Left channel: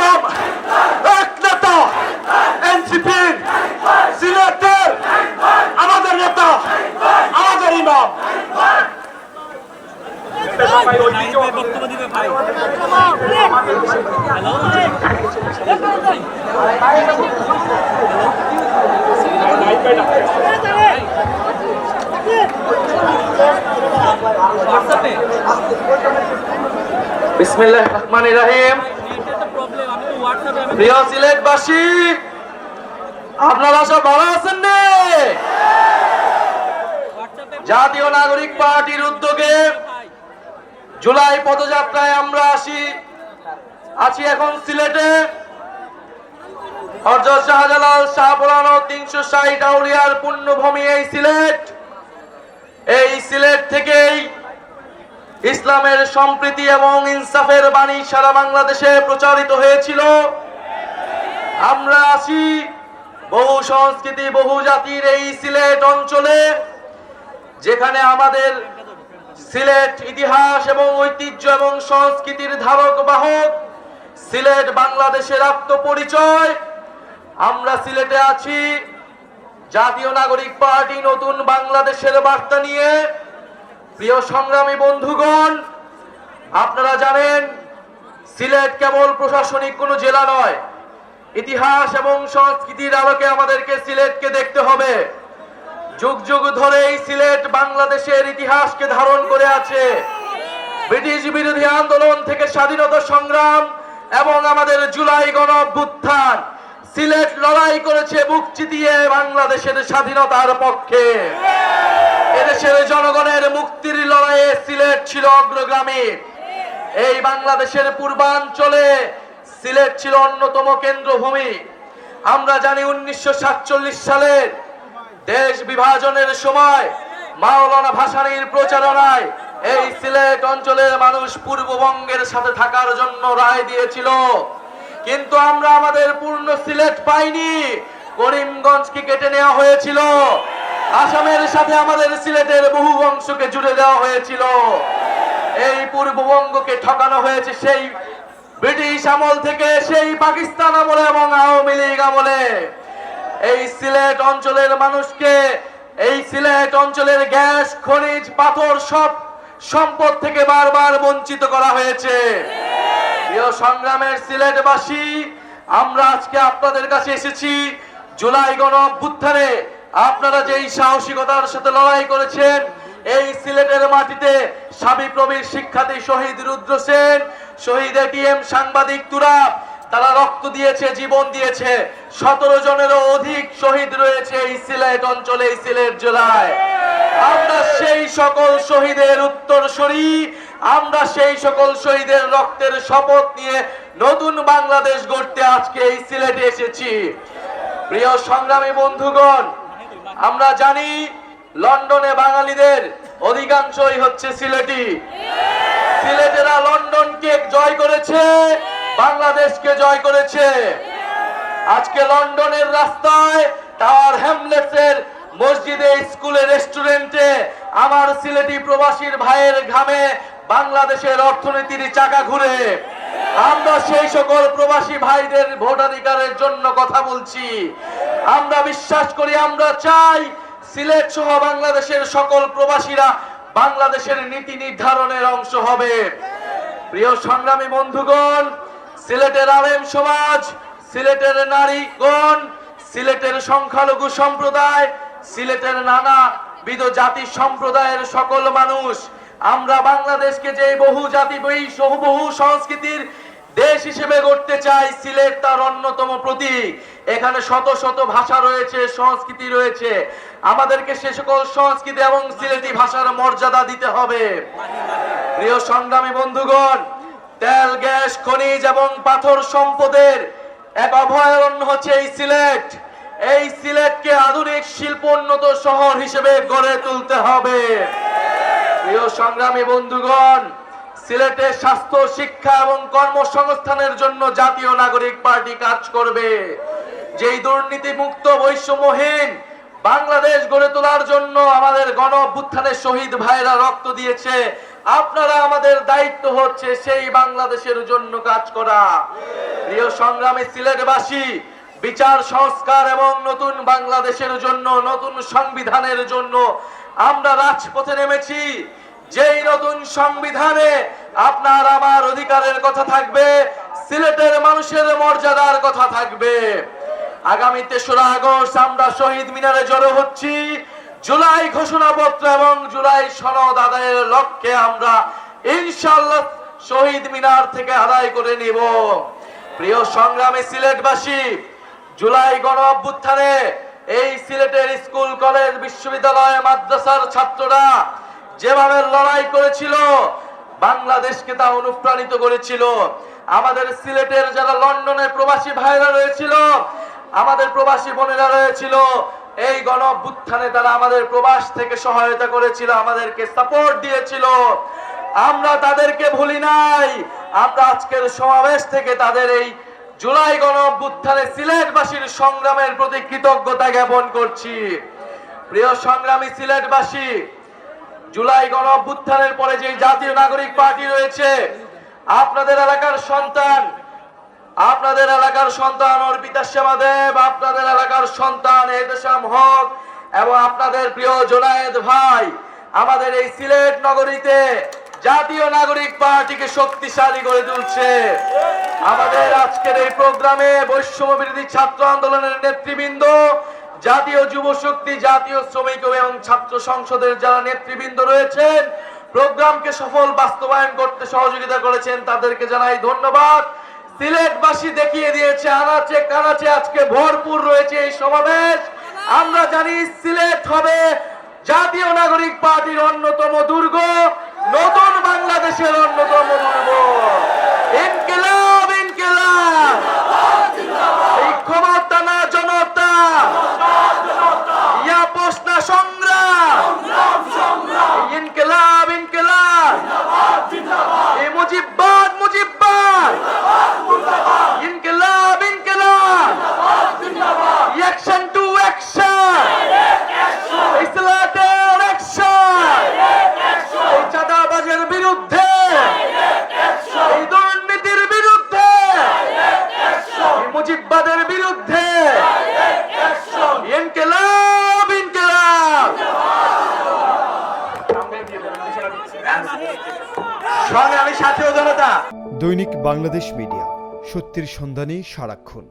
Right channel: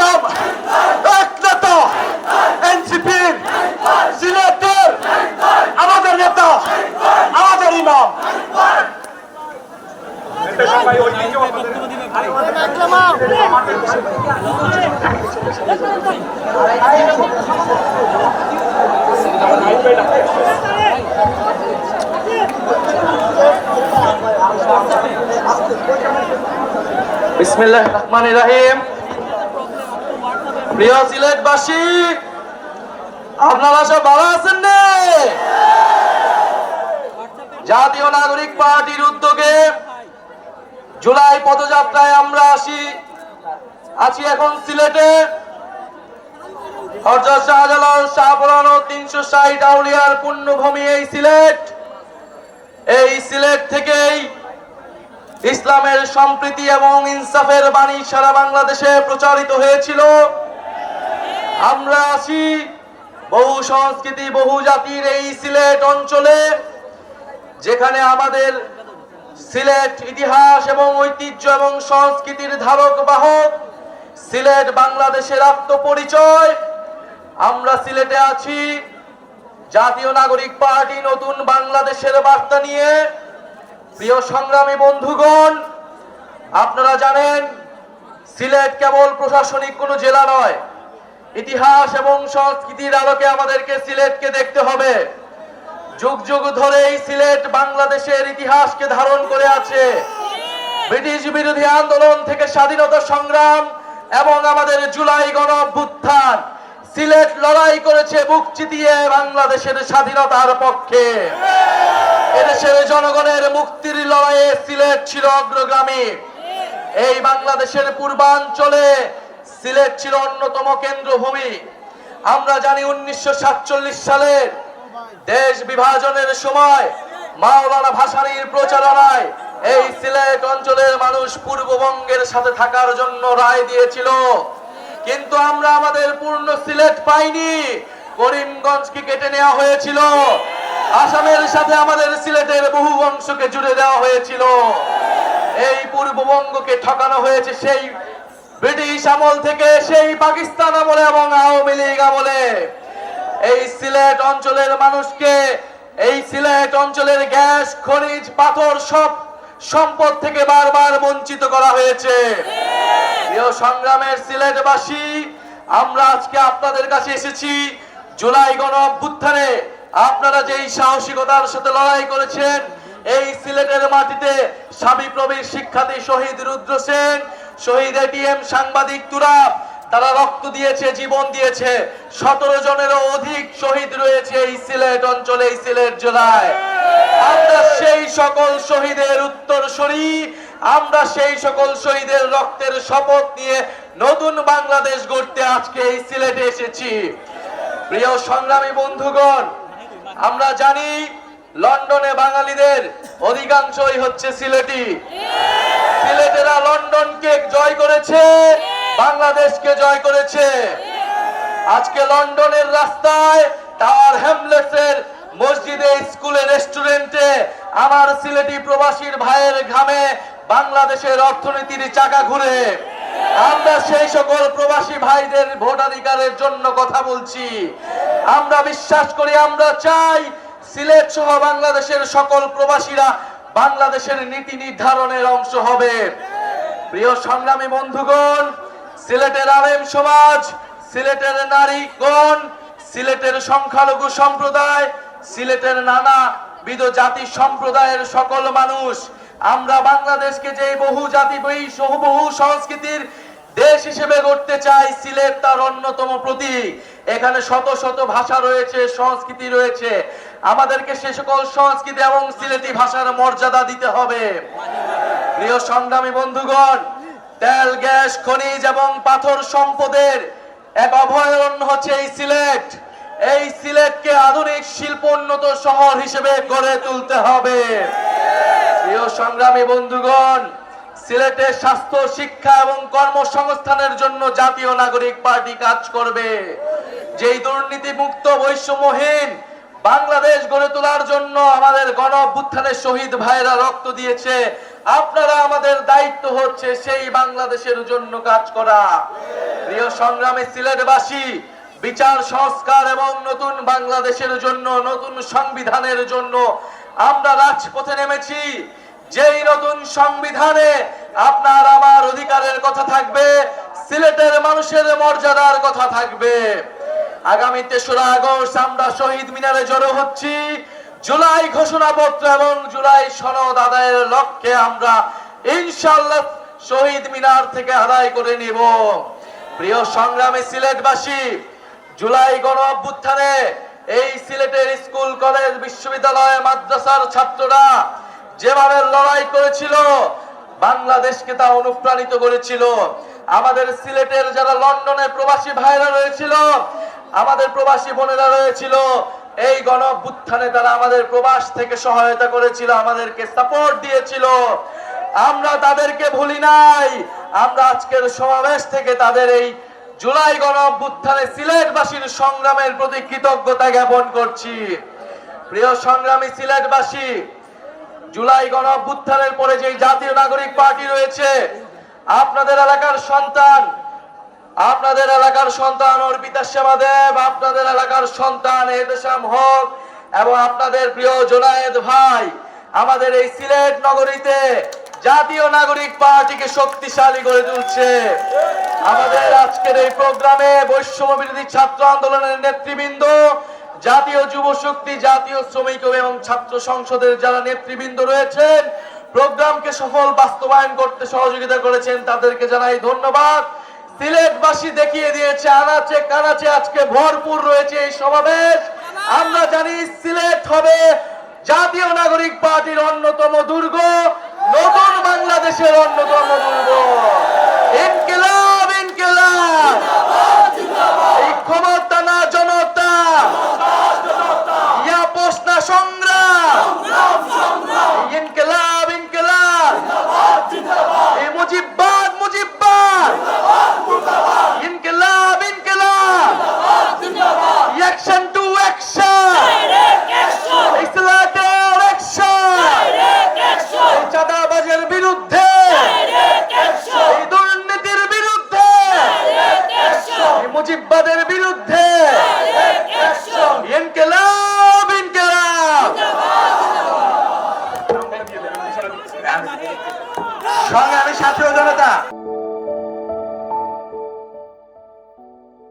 ইমাম এক নেতা এনসিপির সিলেটের আমাদের নেতা আমাদের ইমাম বিসমিল্লাহির রহমানির রহিম। প্রিয় সিলেটবাসী, আপনারা সব ভালো আছেন না? জাতীয় নাগরিক পার্টির উদ্যোগে জুলাই পদযাত্রায় আমরা আছি এখন সিলেটে। হযরত শাহজালাল শাহপরান 360 আউলিয়ার পুণ্যভূমি এই সিলেট। এই সিলেট থেকেই ইসলামের সম্প্রীতি এবং ইনসাফের বাণী সারা বাংলাদেশে প্রচারিত হয়েছিল। আমরা আছি বহু সংস্কৃতি বহু জাতির এই সিলেট অঞ্চলে, যেখানে আমাদের সিলেট ইতিহাস এবং ঐতিহ্য এবং সংস্কৃতির ধারক বাহক। সিলেট বাংলাদেশের আত্মপরিচয়। আমরা সিলেটে আছি জাতীয় নাগরিক পার্টি নতুন বাংলাদেশের বার্তা নিয়ে। প্রিয় সংগ্রামী বন্ধুগণ, আপনারা জানেন সিলেট কেবল প্রশাসনিক কোনো জেলা নয়। ইতিহাস এবং সংস্কৃতির আলোকে আমাদেরকে সিলেটকে দেখতে হবে। যুগ যুগ ধরে এই সিলেট বাংলাদেশের ইতিহাসকে ধারণ করে আছে। ব্রিটিশ বিরোধী আন্দোলন থেকে স্বাধীনতা সংগ্রাম এবং আমাদের জুলাই গণ অভ্যুত্থান, সিলেট লড়াই করেছে বুক চিতিয়ে বাংলাদেশের স্বাধীনতার পক্ষে। এদেশের জনগণের মুক্তির লড়াইয়ে সিলেট ছিল অগ্রগামী। এই বাংলাদেশের পূর্বাঞ্চলে সিলেট ছিল অন্যতম কেন্দ্রভূমি। আমরা জানি 1947 সালের দেশ বিভাজনের সময় মাওলানা ভাসানীর প্রচারণায় এই সিলেট অঞ্চলের মানুষ পূর্ববঙ্গের সাথে থাকার জন্য রায় দিয়েছিল। কিন্তু আমরা আমাদের পূর্ণ সিলেট পাইনি। করিমগঞ্জকে কেটে নেওয়া হয়েছিল। আসামের সাথে আমাদের সিলেটের বহু অংশকে জুড়ে দেওয়া হয়েছিল। এই পূর্ববঙ্গকে ঠকানো হয়েছে সেই ব্রিটিশ আমল থেকে, সেই পাকিস্তান আমলে এবং আওয়ামী লীগ আমলে। এই সিলেট অঞ্চলের মানুষকে, এই সিলেট অঞ্চলের গ্যাস খনিজ পাথর সব সম্পদ থেকে বারবার বঞ্চিত করা হয়েছে। প্রিয় সংগ্রামের সিলেটবাসী, আমরা আজকে আপনাদের কাছে এসেছি জুলাই গণ অভ্যুত্থানে আপনারা যেই সাহসিকতার সাথে লড়াই করেছেন। এই সিলেটের মাটিতে সাবিপ্রবির শিক্ষার্থী শহীদ রুদ্র সেন, শহীদ এটিএম সাংবাদিক তুরাব, তারা রক্ত দিয়েছে, জীবন দিয়েছে। 17 জনেরও অধিক শহীদ রয়েছে এই সিলেট অঞ্চলে, এই সিলেট জেলায়। আমরা সেই সকল শহীদের উত্তরসূরি, আমরা সেই সকল শহীদের রক্তের শপথ নিয়ে নতুন বাংলাদেশ গড়তে আজকে এই সিলেটে এসেছি। প্রিয় সংগ্রামী বন্ধুগণ, আমরা জানি লন্ডনে বাঙালিদের অধিকাংশই হচ্ছে সিলেটি। সিলেটেরা লন্ডনকে জয় করেছে, বাংলাদেশকে জয় করেছে। আজকে লন্ডনের রাস্তায়, টাওয়ার হ্যামলেটসের মসজিদে, স্কুলে, রেস্টুরেন্টে আমার সিলেটি প্রবাসীর ভাইয়ের ঘামে বাংলাদেশের অর্থনীতির চাকা ঘুরে। আমরা সেই সকল প্রবাসী ভাইদের ভোটাধিকারের জন্য কথা বলছি। আমরা বিশ্বাস করি, আমরা চাই সিলেট সহ বাংলাদেশের সকল প্রবাসীরা বাংলাদেশের নীতি নির্ধারণের অংশ হবে। প্রিয় সংগ্রামী বন্ধুগণ, সিলেটের আলেম সমাজ, সিলেটের নারীগণ, সিলেটের সংখ্যালঘু সম্প্রদায়, সিলেটের নানাবিধ জাতি সম্প্রদায়ের সকল মানুষ, আমরা বাংলাদেশকে যে বহু জাতি বহু সংস্কৃতির দেশ হিসেবে গড়তে চাই। সিলেট তার অন্যতম প্রতীক। এখানে শত শত ভাষা রয়েছে, সংস্কৃতি রয়েছে। আমাদেরকে সে সকল সংস্কৃতি এবং সিলেটি ভাষার মর্যাদা দিতে হবে। প্রিয় সংগ্রামী বন্ধুগণ, তেল, গ্যাস, খনিজ এবং পাথর সম্পদের এক অভয়ারণ্য হচ্ছে এই সিলেট। এই সিলেটকে আধুনিক শিল্পোন্নত শহর হিসেবে গড়ে তুলতে হবে। প্রিয় সংগ্রামী বন্ধুগণ, সিলেটে স্বাস্থ্য, শিক্ষা এবং কর্মসংস্থানের জন্য জাতীয় নাগরিক পার্টি কাজ করবে। যেই দুর্নীতি মুক্ত, বৈষম্যহীন বাংলাদেশ গড়ে তোলার জন্য আমাদের গণ অভ্যুত্থানের শহীদ ভাইরা রক্ত দিয়েছে। আপনারা আমাদের দায়িত্ব হচ্ছে সেই বাংলাদেশের জন্য কাজ করা। প্রিয় সংগ্রামী সিলেটবাসী, বিচার সংস্কার এবং নতুন বাংলাদেশের জন্য, নতুন সংবিধানের জন্য আমরা রাজপথে নেমেছি। যেই নতুন সংবিধানে আপনার আমার অধিকারের কথা থাকবে, সিলেটের মানুষের মর্যাদার কথা থাকবে। আগামী ৩রা আগস্ট আমরা শহীদ মিনারে জড়ো হচ্ছি। জুলাই ঘোষণাপত্র এবং জুলাই সনদ আদায়ের লক্ষ্যে আমরা ইনশাআল্লাহ শহীদ মিনার থেকে আদায় করে নিব। প্রিয় সংগ্রামী সিলেটবাসী, জুলাই গণ অভ্যুত্থানে এই সিলেটের স্কুল, কলেজ, বিশ্ববিদ্যালয়, মাদ্রাসার ছাত্ররা যেভাবে লড়াই করেছিল, বাংলাদেশকে তা অনুপ্রাণিত করেছিল। আমাদের সিলেটের যারা লন্ডনে প্রবাসী ভাইরা রয়েছিল, আমাদের প্রবাসী বোনেরা রয়েছিল, এই গণ অভ্যুত্থানে তারা আমাদের প্রবাস থেকে সহায়তা করেছিল, আমাদেরকে সাপোর্ট দিয়েছিল। আমরা তাদেরকে ভুলি নাই। আমরা আজকের সমাবেশ থেকে তাদের এই জুলাই গণ অভ্যুত্থানে সিলেটবাসীর সংগ্রামের প্রতি কৃতজ্ঞতা জ্ঞাপন করছি। প্রিয় সংগ্রামী সিলেটবাসী, জুলাই গণ অভ্যুত্থানের পরে যে জাতীয় নাগরিক পার্টি রয়েছে, আপনাদের এলাকার সন্তান অর্পিতা সেবা দেব, আপনাদের এলাকার সন্তান এহতেশাম হক এবং আপনাদের প্রিয় জোনায়েদ ভাই আমাদের এই সিলেট নগরীতে জাতীয় নাগরিক পার্টিকে শক্তিশালী করে তুলছে। আমাদের আজকের এই প্রোগ্রামে বৈষম্য বিরোধী ছাত্র আন্দোলনের নেতৃবৃন্দ, জাতীয় যুব শক্তি, জাতীয় শ্রমিক এবং ছাত্র সংসদের যারা নেতৃবৃন্দ রয়েছেন, প্রোগ্রামকে সফল বাস্তবায়ন করতে সহযোগিতা করেছেন, তাদেরকে জানাই ধন্যবাদ। সিলেটবাসী দেখিয়ে দিয়েছে, আনাচে কানাচে আজকে ভরপুর রয়েছে এই সমাবেশ। আমরা জানি সিলেট হবে জাতীয় নাগরিক পার্টির অন্যতম দুর্গ, নতুন বাংলাদেশের অন্যতম দুর্গ। ইনকিলাব ইনকিলাব, এই ক্ষমতা না জনতা, ইয়া পোষনা সংগ্রাম, ইনকিলাব ইনকিলাব, এই মুজিববাদ মুজিববাদ, ইনকিলাব ইনকিলাব, অ্যাকশন টু অ্যাকশন, ইসলামের অ্যাকশন, এই চাঁদাবাজের বিরুদ্ধে, এই দুর্নীতির বিরুদ্ধে, এই মুজিববাদের বিরুদ্ধে, ইনকিলাব ইনকিলাব। সংগ্রামী সাথী ও জনতা, দৈনিক বাংলাদেশ মিডিয়া, সত্যের সন্ধানে সারাক্ষণ।